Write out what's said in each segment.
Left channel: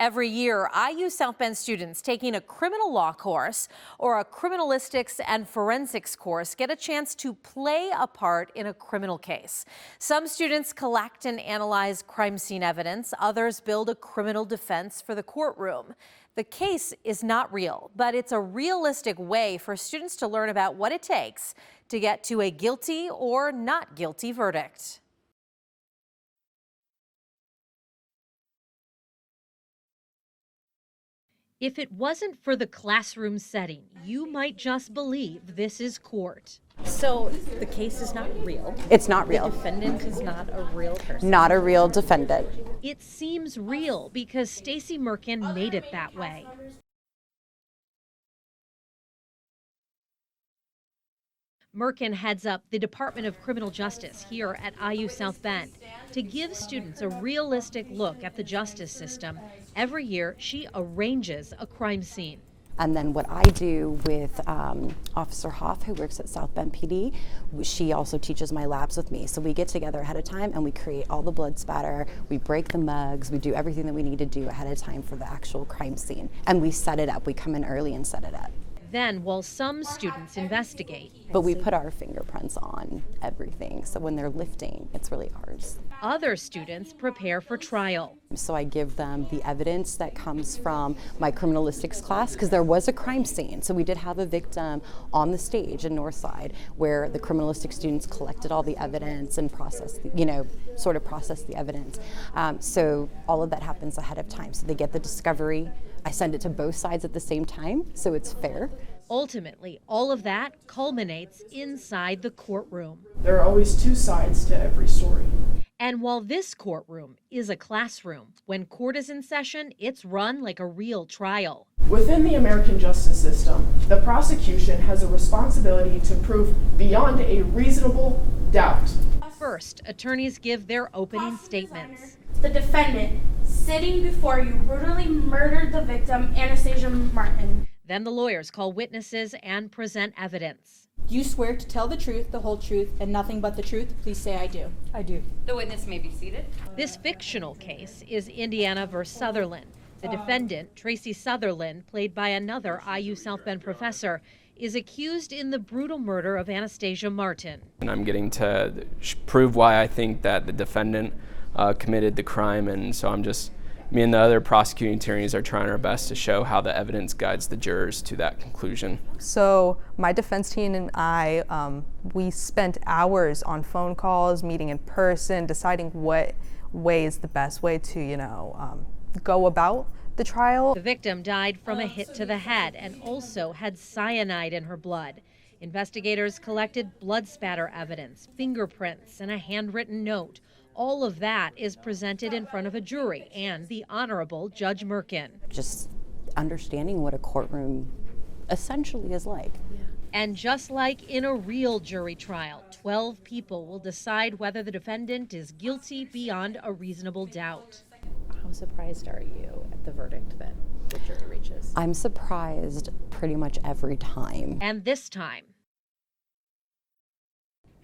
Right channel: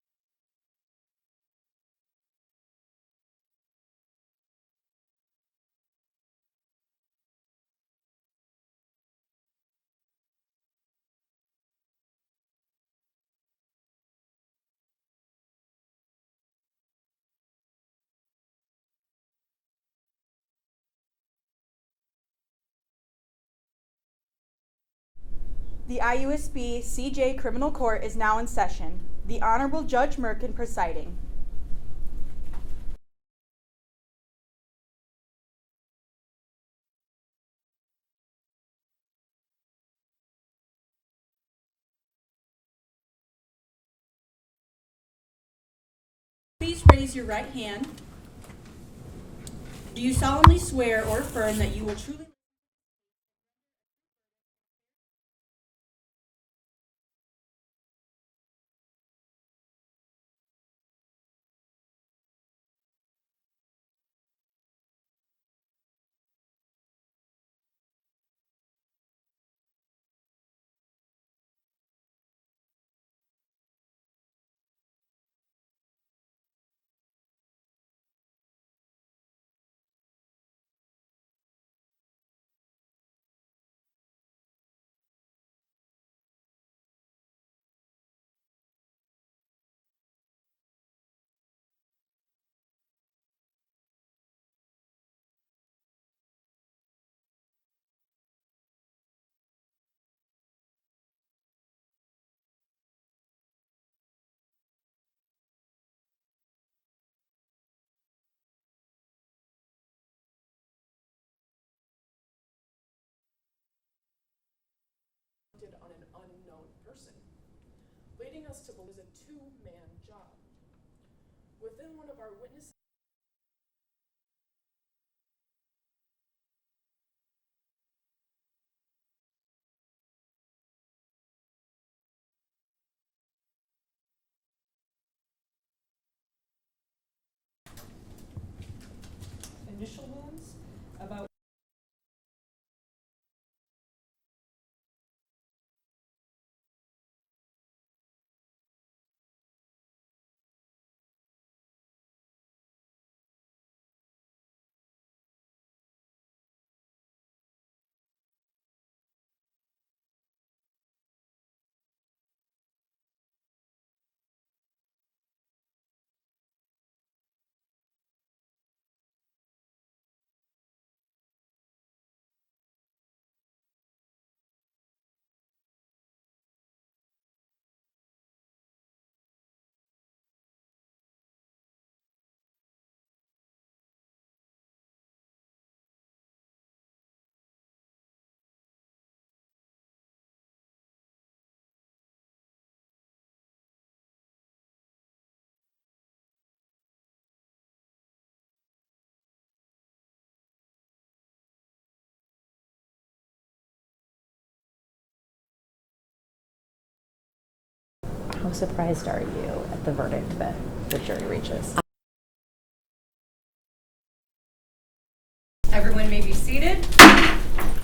Every year, IU South Bend students taking a criminal law course or a criminalistics and forensics course get a chance to play a part in a criminal case. Some students collect and analyze crime scene evidence. Others build a criminal defense for the courtroom. The case is not real, but it's a realistic way for students to learn about what it takes to get to a guilty or not guilty verdict. The IUSB CJ Criminal Court is now in session. The Honorable Judge Merkin presiding. If it wasn't for the classroom setting, you might just believe this is court. So the case is not real. It's not real. The defendant is not a real person. Not a real defendant. It seems real because Stacy Merkin made it that way. Please raise your right hand. Do you solemnly swear or affirm that you Merkin heads up the Department of Criminal Justice here at IU South Bend. To give students a realistic look at the justice system, every year she arranges a crime scene. And then what I do with Officer Hoff, who works at South Bend PD, she also teaches my labs with me. So we get together ahead of time and we create all the blood spatter, we break the mugs, we do everything that we need to do ahead of time for the actual crime scene. And we set it up, we come in early and set it up. Then, while some students investigate, but we put our fingerprints on everything, so when they're lifting, it's really ours. Other students prepare for trial. So I give them the evidence that comes from my criminalistics class, because there was a crime scene. So we did have a victim on the stage in Northside where the criminalistic students collected all the evidence and processed, sort of processed the evidence. So all of that happens ahead of time. So they get the discovery. I send it to both sides at the same time, so it's fair. Ultimately, all of that culminates inside the courtroom. There are always two sides to every story. And while this courtroom is a classroom, when court is in session, it's run like a real trial. Within the American justice system, the prosecution has a responsibility to prove beyond a reasonable doubt. First, attorneys give their opening statements. The defendant, sitting before you, brutally murdered the victim, Anastasia Martin. Then the lawyers call witnesses and present evidence. Do you swear to tell the truth, the whole truth, and nothing but the truth? Please say I do. I do. The witness may be seated. This fictional case is Indiana versus Sutherland. The defendant, Tracy Sutherland, played by another IU South Bend professor, is accused in the brutal murder of Anastasia Martin. And I'm getting to prove why I think that the defendant committed the crime, and so me and the other prosecuting attorneys are trying our best to show how the evidence guides the jurors to that conclusion. So my defense team and I, we spent hours on phone calls, meeting in person, deciding what way is the best way to, go about the trial. The victim died from a hit to the head and also had cyanide in her blood. Investigators collected blood spatter evidence, fingerprints, and a handwritten note. All of that is presented in front of a jury and the Honorable Judge Merkin. Just understanding what a courtroom essentially is like. And just like in a real jury trial, 12 people will decide whether the defendant is guilty beyond a reasonable doubt. How surprised are you at the verdict that the jury reaches? I'm surprised pretty much every time. And this time, everyone may be seated.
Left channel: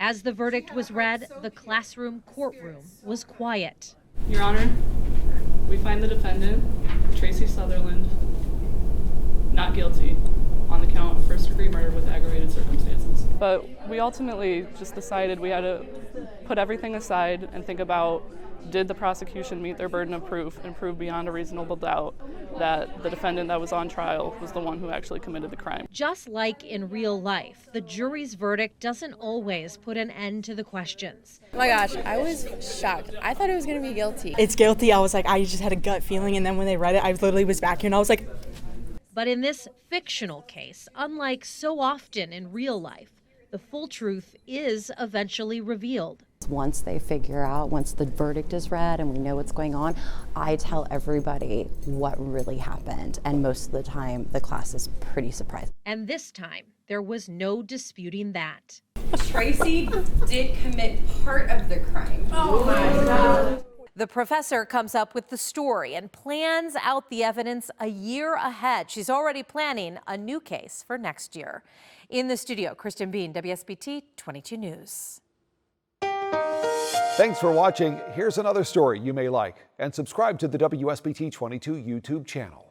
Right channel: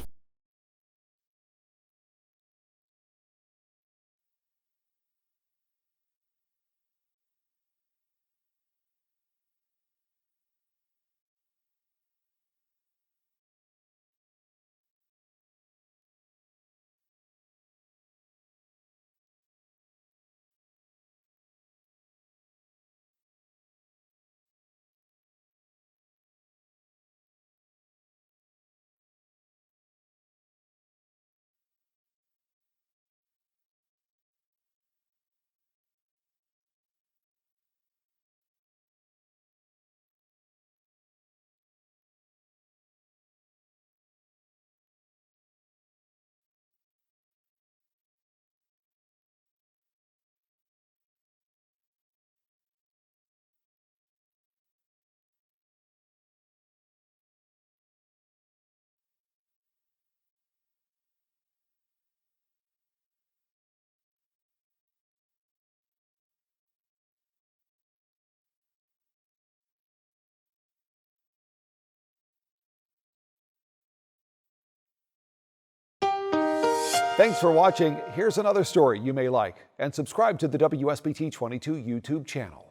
As the verdict was read, the classroom courtroom was quiet. Your Honor, we find the defendant, Tracy Sutherland, not guilty on the count of first-degree murder with aggravated circumstances. But we ultimately just decided we had to put everything aside and think about, did the prosecution meet their burden of proof and prove beyond a reasonable doubt that the defendant that was on trial was the one who actually committed the crime? Just like in real life, the jury's verdict doesn't always put an end to the questions. Oh my gosh, I was shocked. I thought it was going to be guilty. It's guilty. I was like, I just had a gut feeling, and then when they read it, I literally was back here, and I was like. But in this fictional case, unlike so often in real life, the full truth is eventually revealed. Once they figure out, once the verdict is read and we know what's going on, I tell everybody what really happened. And most of the time, the class is pretty surprised. And this time, there was no disputing that. Tracy did commit part of the crime. Oh my God. The professor comes up with the story and plans out the evidence a year ahead. She's already planning a new case for next year. In the studio, Kristen Bean, WSBT 22 News. Thanks for watching. Here's another story you may like, and subscribe to the WSBT 22 YouTube channel.